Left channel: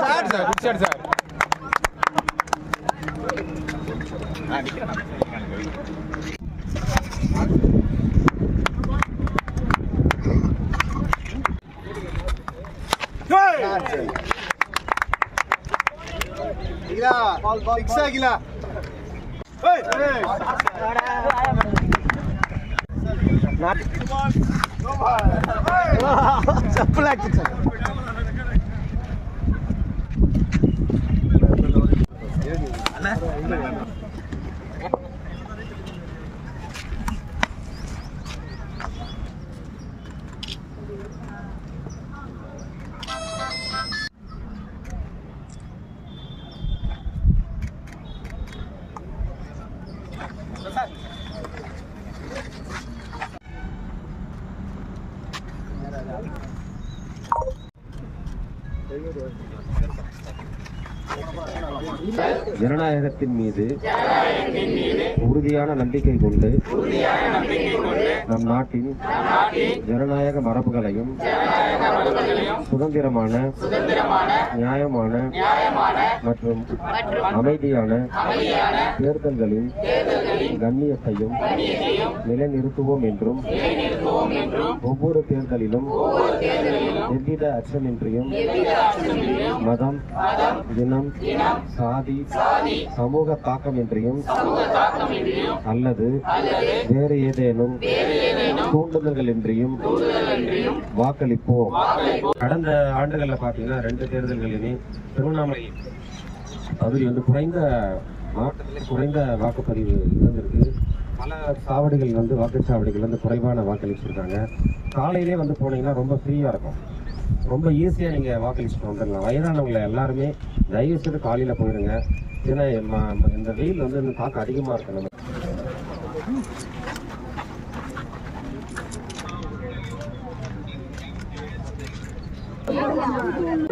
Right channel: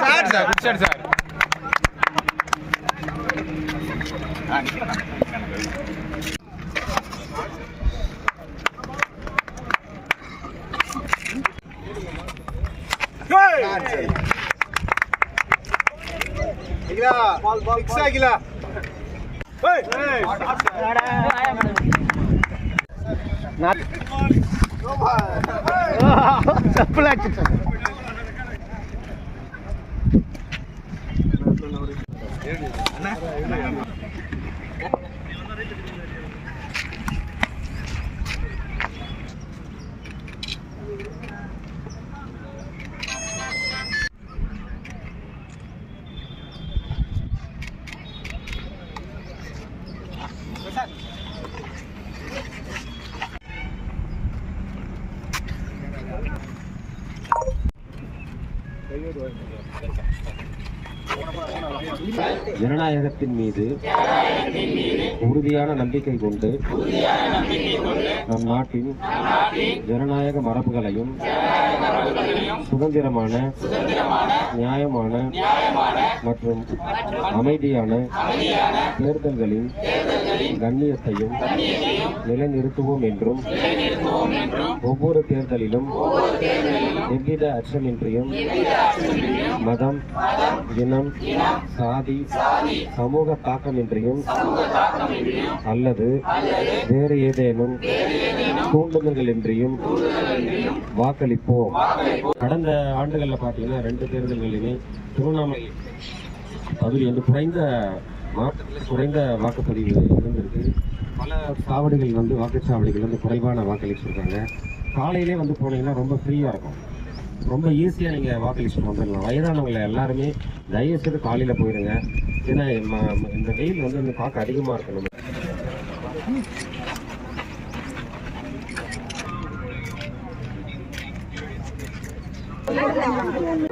Sir sir sir sir ಇಲ್ಲ fix ಆಗಿಲ್ಲ. ಚಪ್ಪಲ್ ಹಾಕಿತ್ತು ಅಣ್ಣ. ஜனநாயகத்தின் மீது உறுதியான நம்பிக்கை கொண்டு நம் நாட்டின் ஜனநாயக மரபுகளையும் சுதந்திரமான நியாயமான மற்றும் அமைதியான தேர்தல்களின் கண்ணியத்தையும் நிலைநிறுத்துவோம் என்றும் ஒவ்வொரு தேர்தலிலும் எவ்வித அச்சமின்றியும் மதம் இனம் சாதி சமூக தாக்கமின்றியும் அல்லது வேறு ஏதேனும் தூண்டுதல்கள் இன்றியும் வாக்களிப்போம். கடந்த ஆண்டுகளில் பார்த்தீங்கன்னா ரெண்டு தேர்தல்களிலுமே திருவண்ணாமலை பகுதி வந்து குறைந்த மாவட்டத்திலே குறைந்த வாக்குப்பதிவு இருந்திருக்கு. பல சாவடிகள் வந்து வாக்குச்சாவடிகள் வந்து குறைவான வாக்களிச்சிருக்காங்க. காலையிலே வந்து போனீங்கன்னா ரொம்ப ஃப்ரீயாக இருக்கும். ரொம்ப ஈஸியாக நீங்கள் வாக்களிச்சுட்டு வந்துடலாம். வயதானவங்களை எல்லாருமே தயவு செய்து காலையில் போயிருங்க. ஏன்னா ம- இந்த வெயில் வந்து இந்த பார்க்க அதிகமாக இருக்கும் நம்ம. 还有两天